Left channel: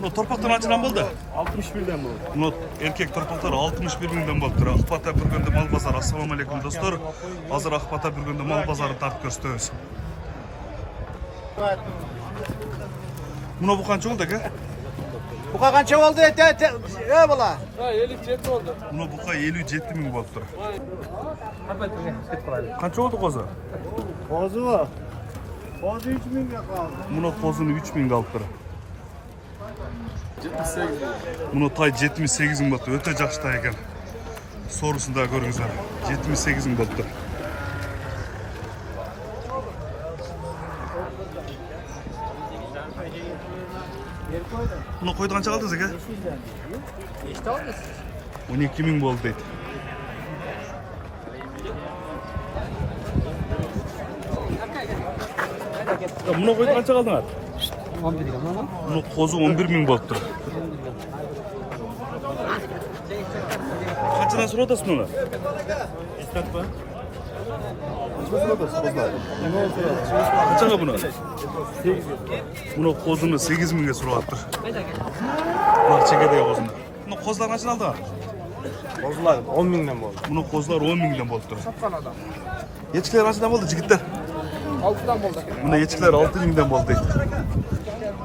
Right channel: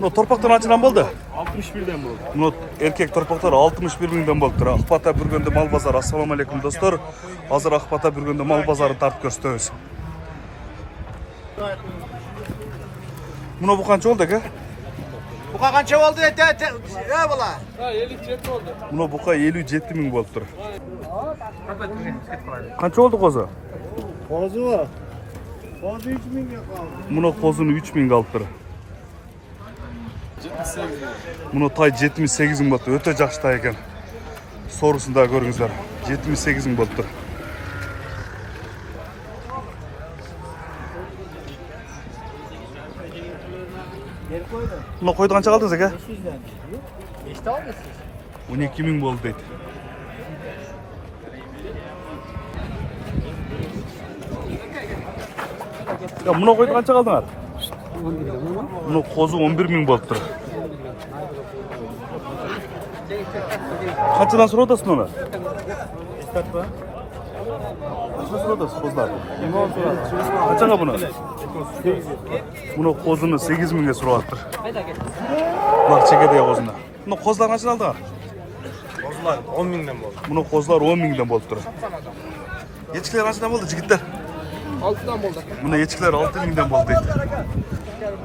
Bunu torpaktan açılan boldu. 61'den bu. Bunu erkek torpaklar 61 mingden boluptur. Akbata Bürgöndө mal bazarı. Assalamu alaikum dostlar. Hazır Akbata Bürgöndө mal bazarı tartып көрсөтөбүz. Bunu bu kança oldu aka? Buka kança oldu? Ya bula. Ha 57 oldu. Bunu buka 57 ming boluptur. Kança oldu kozu? Kozu mu? Kozu 3 bin kaldı. Bunu kozunu 3 ming alıptır. Bunu tay 78 ming boluptur. Öte жақсы ekan. Sorusunda görüңүздөр. 78 ming boluptur. Bunu koydu kança kaldınız aka? 12 ming boldu deydi. Ya bunu koydu kança kaldınız? 11 ming. Bunu kozu 11 ming boluptur. Kaçıdan sonra odasın onu? İstat mı? Kaçıdan sonra odasın kozlar? Kaçağa bunu? 8 Bunu kozunu 8 ming'e surattır. Bak çekede kozunu. Bunu kozlar kaçın aldı? Kozular 10 binden oldu. Bunu kozlar 10 ming'den boluptur. Yetkiler kaçından boldu jigitler? 6'dan oldu. Buna yetkiler 6 ming'den boldu deydi.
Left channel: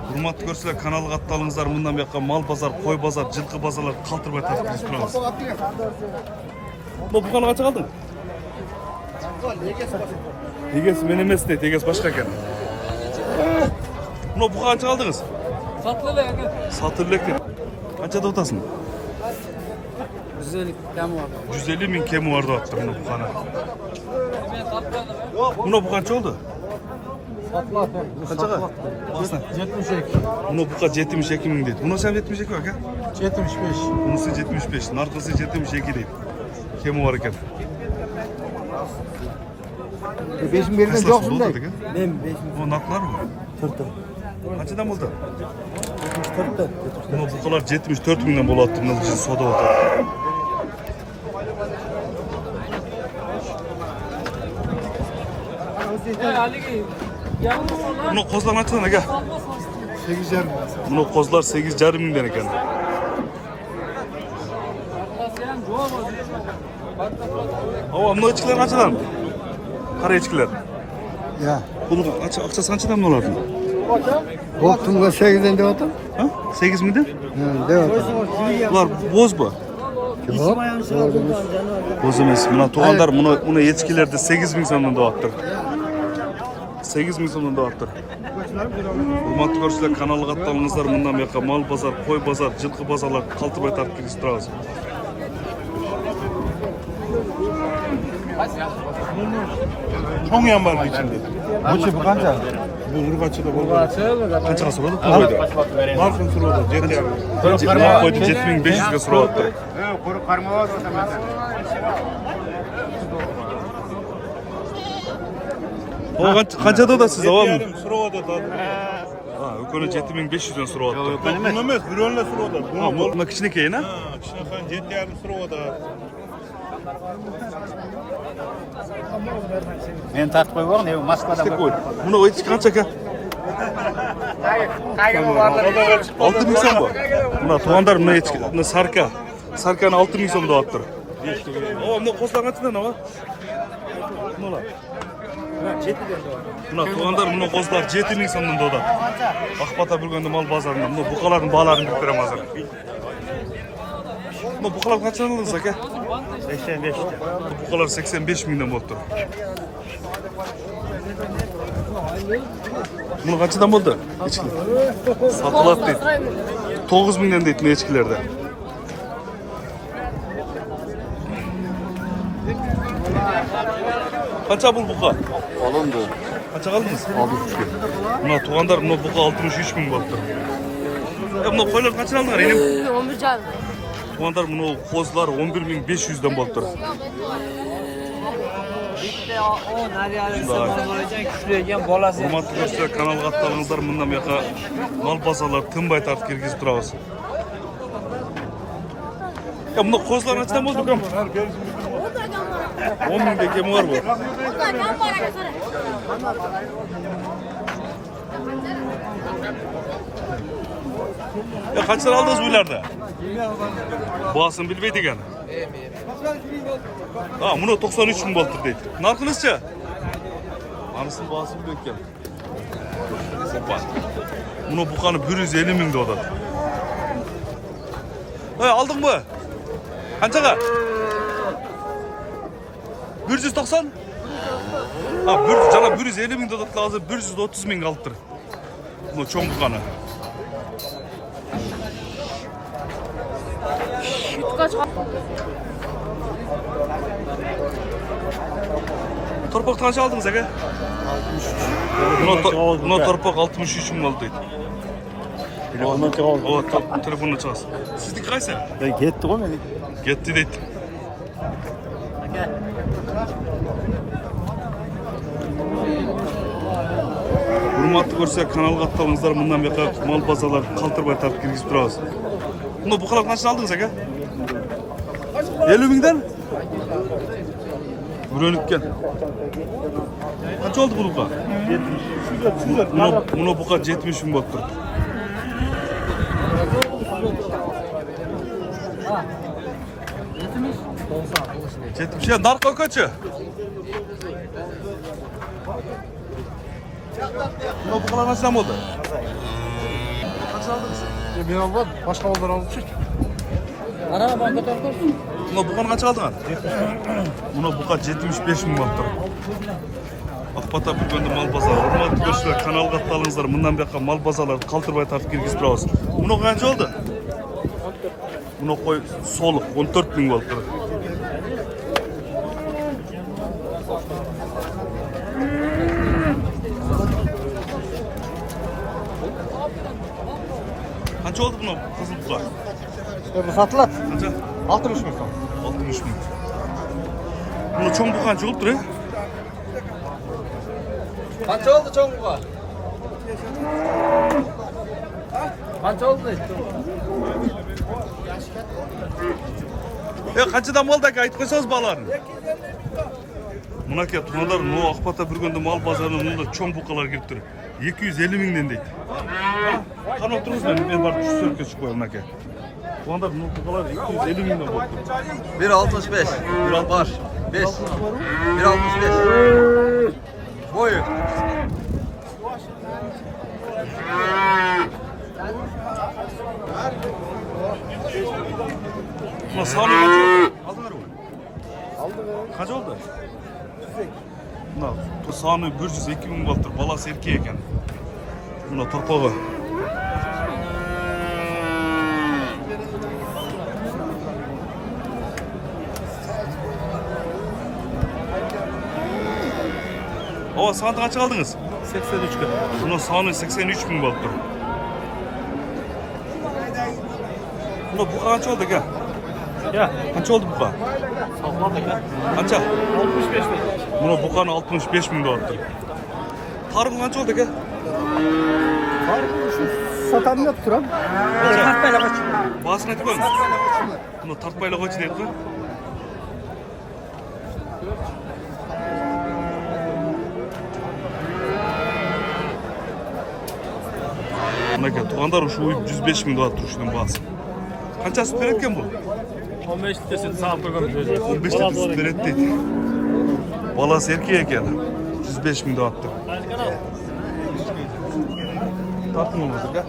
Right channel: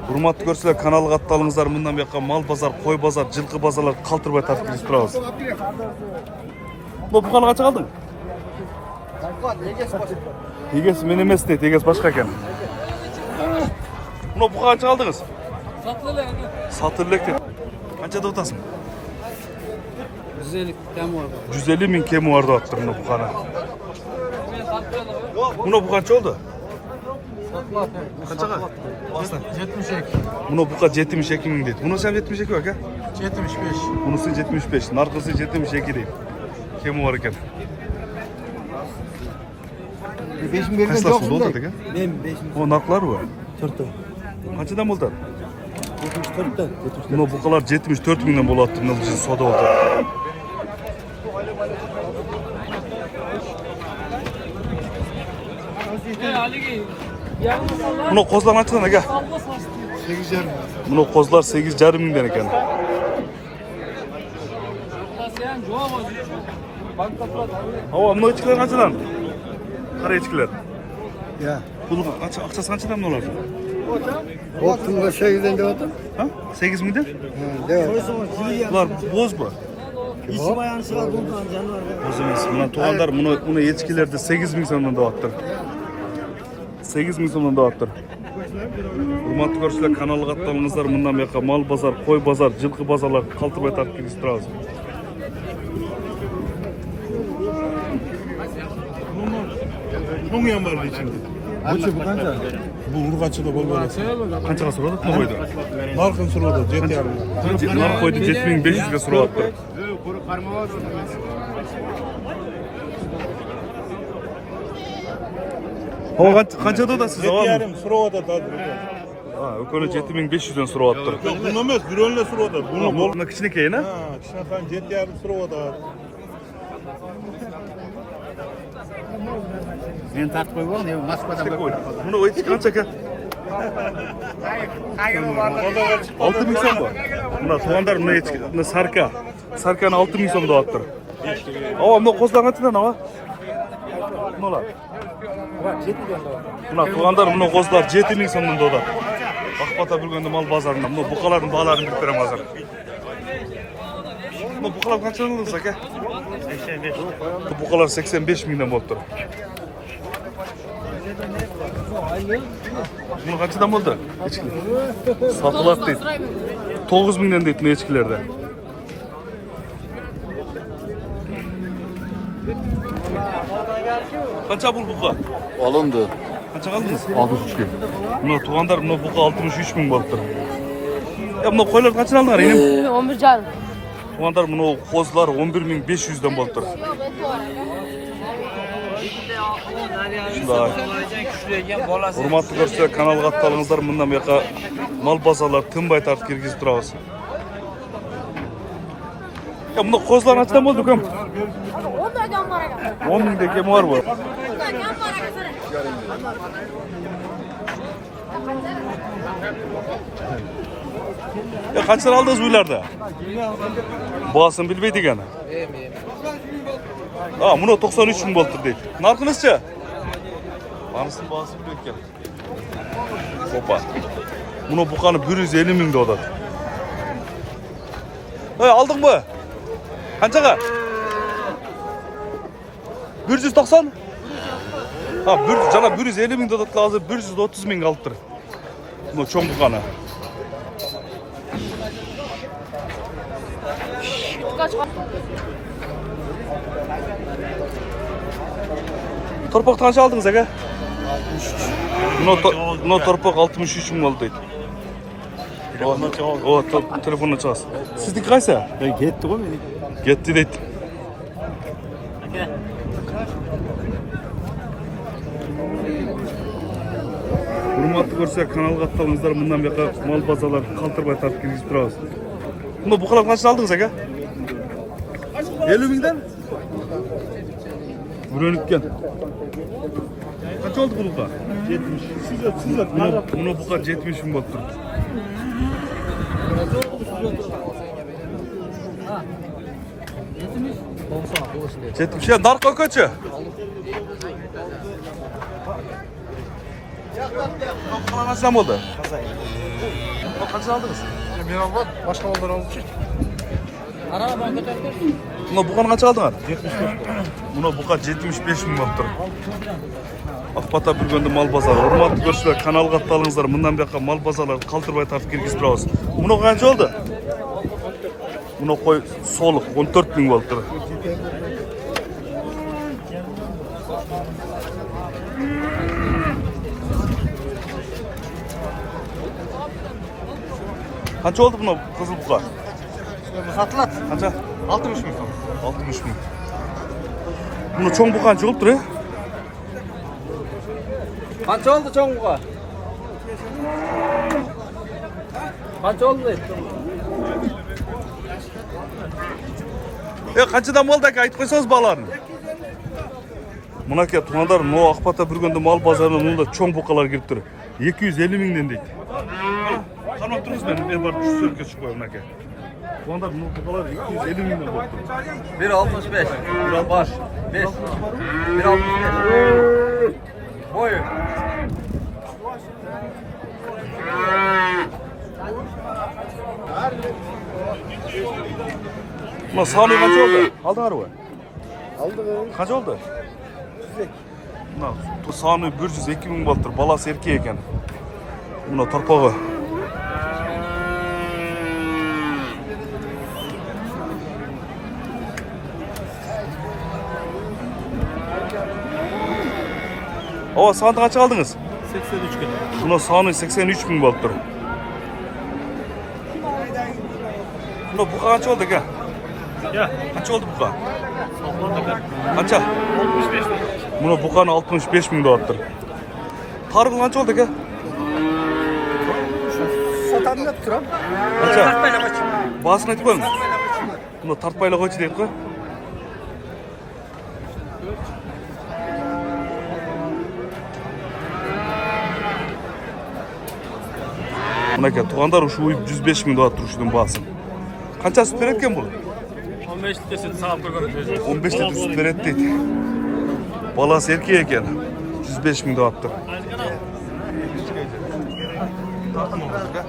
Hurmatlı görseler kanalı kattalыңыздар мындан бияққа мал базар, қой базар, жылқы базарлар қалтырбай тартып келіп тұрабыз. Bu buqаны қанша қалдың? Егесі мен емес дейді, егесі башқа екен. Мына buqa қанша қалдыңыз? Satılılı yani. Satırlық дейді. Қаншада отасың? 150 kemi var. 150 min kemi vardı attır mına buqаны. Mına bu қанша oldu? Қаншаға? 72. Mına buqa 72 min дейді. Mına sen 72 bak ha? 75. Bunысы 75, narkısı 72 deyip. Kemi var eken. 5 birden Kaç yoksun oldu da. dedi? Ben 5 O naklar var. 4'te. Kaçıdan oldu? 74'te. Mına buqalar 74 mindən bolattı mına soda oldu. Mına kozlar kaçıdan aka? 8 yarım. Mına kozlar 8,5 mindən eken. Ava mına içkiler kaçıdan? Kara içkiler. Ya. Bunu akçası kaçıdan mı olardı? Oltun da 8'den de oldu. Ha? 8 mindən? Evet. Bunlar boz bu. İçi bayansılar bundan canım. Boz emas. Mına tuğandar mına yetkilerde 8 min sonundan doğattır. 8 min sonundan doğattır. Hurmatlı görüşler kanalı kattalыңыздар mындан бияққа мал базар, қой базар, жылқы базарлар қалтырбай тартып келіп тұрабыз. 통yan var içinde. Bu kanca? Bu urgaçı da bol. Қаншаға сұрады? Бұл қойды. Narkın sırada jet yani. Нар қойды 7500-ге сұрап жатыр. Қаншада одасыз Jet авам? yarım sırada tadı. Өкөнө 7500-ден сурап атыр. Bunu emes bir önle sırada. Bunu bol. Бұл кичинекей, на? Kışnakan jet yarım sırada. Ben tartып koyuyorum ya Moskva'da Ой, мұны өйтіп қанша ка? 6 миң сом ба? Мына туғандар мына сарка. Сарканы 6 миң сом деп атыр. Ава, мына қосылған қаншадан ава? Мыналар. Мына туғандар мына қосылар 7 миң сомдан деп атыр. Акбата Бürgöndө мал базарында мына бұқалардың бағаларын біліп берем азыр. Мына бұқалар қаншадан алдыңыз ака? 85. Бұқалар 85 миңден болып тұр. Bunu kaçıdan buldu? Echkiler. Satılat deydi. 9 mindən deydi echkilerde. Kaça bul buqa? Alındı. Kaça kaldınız? 63 gün. Buna tuğandar buna buqa 63 min bolup tur. Ya buna koylar kaçın aldılar inim? 11 can. Tuğandar buna kozlar 11.500'den bolup tur. Hurmatlı görüşler kanal kattalыңыздар мындан бияққа мал базарлар тынбай тартып киргизип турабыз. Ya bunda kozlar kaçtan boldu köm? 10 mingde kemi var bu. Ya kaç lira aldınız bu ileride? Bağısını bilmeydi gene. Aa, bunu 93 bin boltur deydi. Narkınızca? Anısın bağısını bilmeyken. Hoppa. Bunu bukanı 150 bin de odadı. Aldın mı? Kançaga? 190? Ha, cana 150 bin dodat lazım, 130 bin kalıptır. Bunu çoğun bukanı. Torpak kaç aldınız aga? 63. Buna torpak 63 bin oldu. Telefondan çıkalım. O telefonla çağız. Sizdeki kaysa? Ben gitti o beni. Gitti deydi. Hurmatlı görseler kanal kattalыңыздар, bundan beri mal bazalar kалтырбай tartып kirgizip turabыз. Bunda bu kadar kaç aldınız aga? 50 binden? Bürönükken. Kaç oldu bu buka? 70. Buna buka 70 bin bottur. Yetmiş ya, narko kaçı? Bu kadar kaç tane oldu? Kaç aldınız? Bir al var. Başka mallar aldı ki. Ana marka tartır. Buna bu kadar kaç aldın? 75. Buna bu kadar 75 bin bottur. Akbata bir gündü mal pazarı. Hurmatlı görüşler, kanal kattalыңыздар. Bundan beri mal pazarları kалтырбай tartып kirgizip turabыз. Buna kaç oldu? Buna koy soluk 14 bin bottur. Kaç oldu buna kızıl buka? Satlat. Kaça? 60 bin. 60 bin. Buna çoğun buka kaç oldu? Kaç oldu çoğunluğa? Kaç oldu? Kaçıdan oldu ki ayıp koysanız bağlarını. Buna ki tuğanlar no Akbata bir günde mal pazarına da çoğun bukalar girip duruyor. 250 binden deydi. Tamam otururuz da bir var şu sönke çıkıyor buna ki. Tuğanlar no bukalar 250 binden boktu. 1.65. 1.60 var. 5. 1.65. Boyu. Buna sağlığı kaç oldu? Aldın araba. Kaç oldu? Buna bu sağlığı 102 bin battır. Balası erkeği eken. Buna torpağı. Ova sağlığı kaç aldınız? 83 gün. Buna sağlığı 83 bin battır. Buna bu kaç oldu ki? Ya. Kaç oldu bu kadar? Kaça? 65 bin. Buna bukan 65 bin dolardır. Tarık kaç oldu ki? Satan yoktur abi. Kaça? Basın aytıp koyun. Buna tartpayla koydu deyip koy. Buna ki tuğandar şu 105 bin dolar duruşunun basın. Kaça süt verirken bu? 15 litresini sağ koyalım. 15 litre süt veret deydi. Balası erkeği eken. 105 bin dolardır. Tartım olmadı be.